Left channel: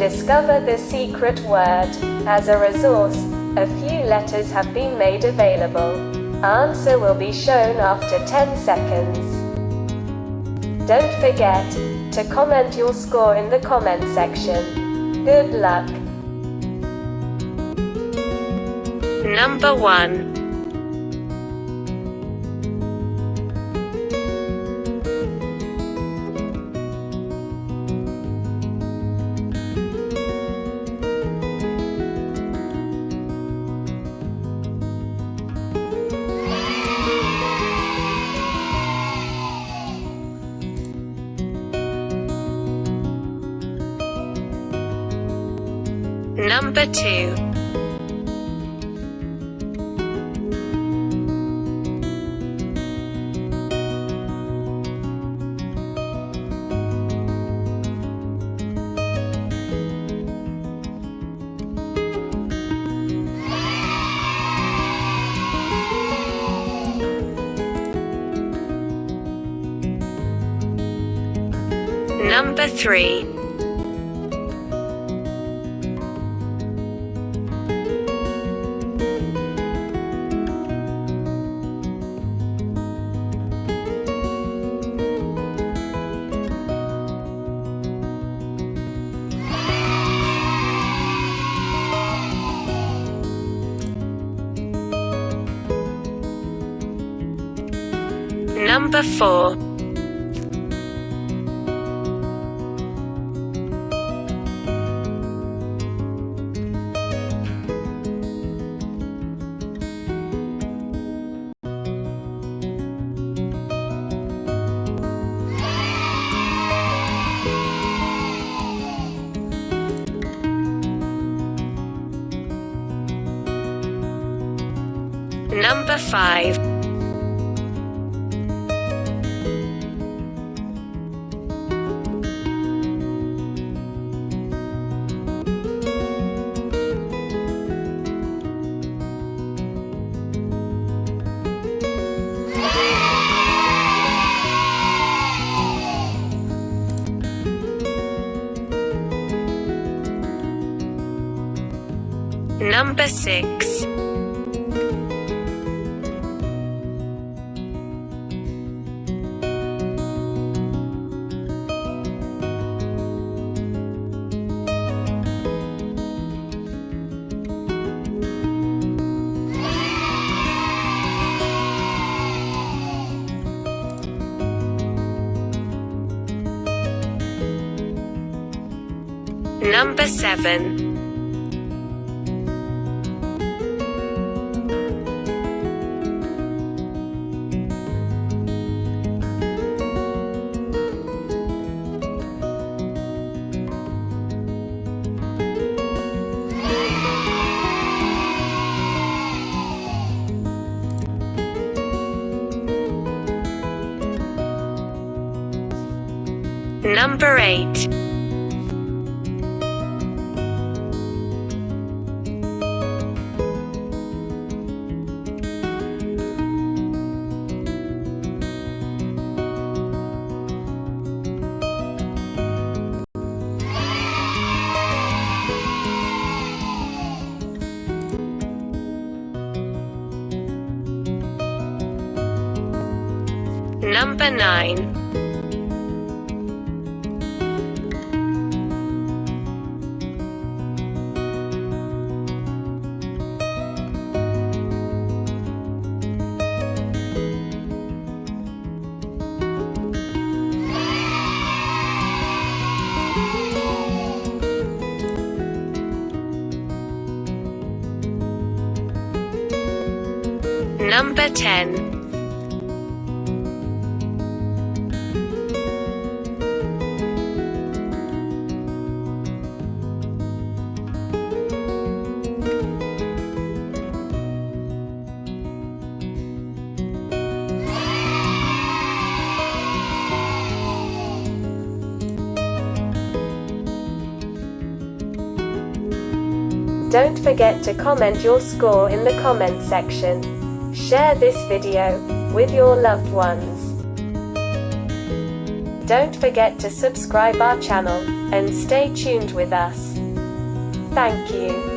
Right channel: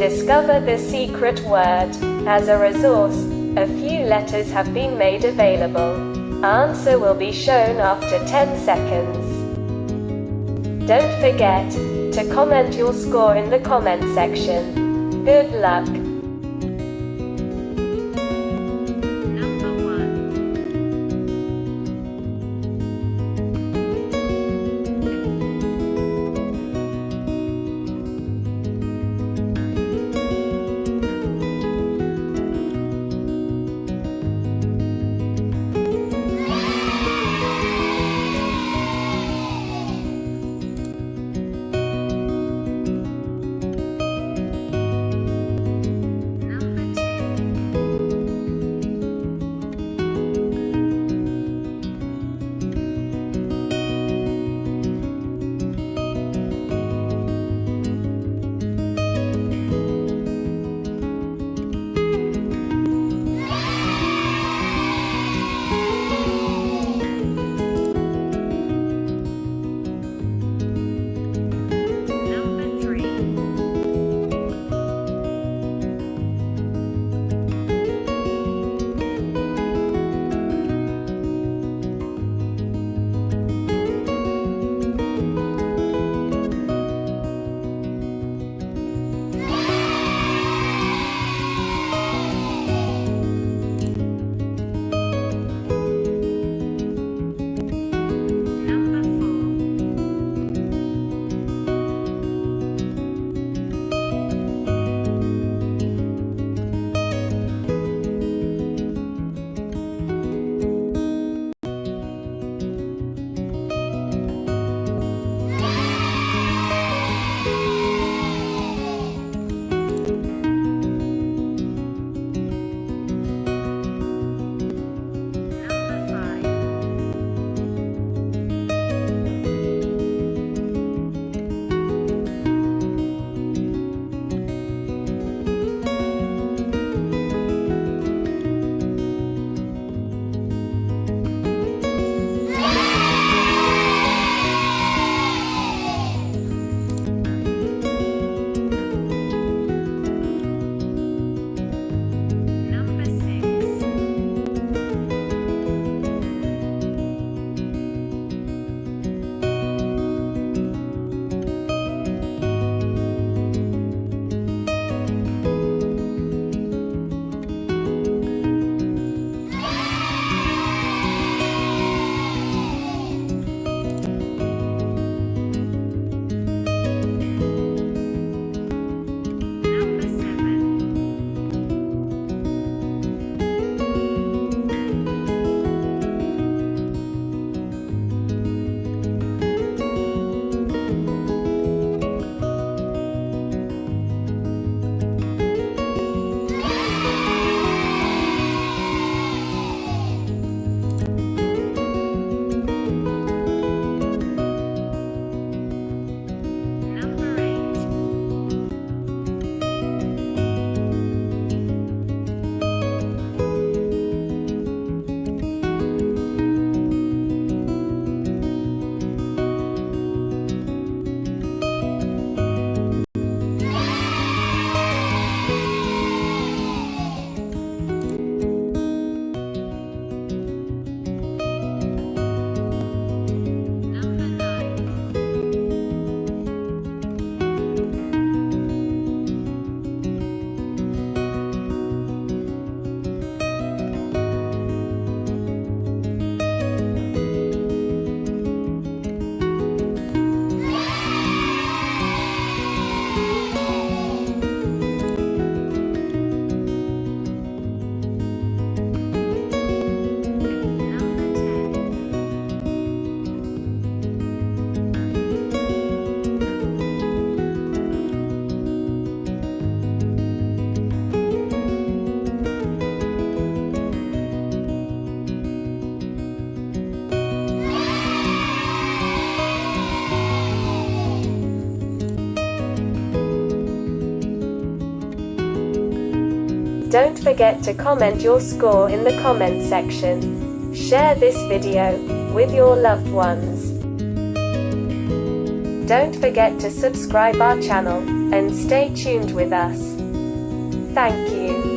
Discover the secret word. As a resource, a few letters have been made available. Answer will be shown after 10 seconds. Don't forget to comment your score in the comment section. Good luck. Number 1. Number 2. Number 3. Number 4. Number 5. Number 6. Number 7. Number 8. Number 9. Number 10. Don't forget to comment your score in the comment section. Share this video with your loved ones. Don't forget to subscribe our channel, and stay tuned with us. Thank you.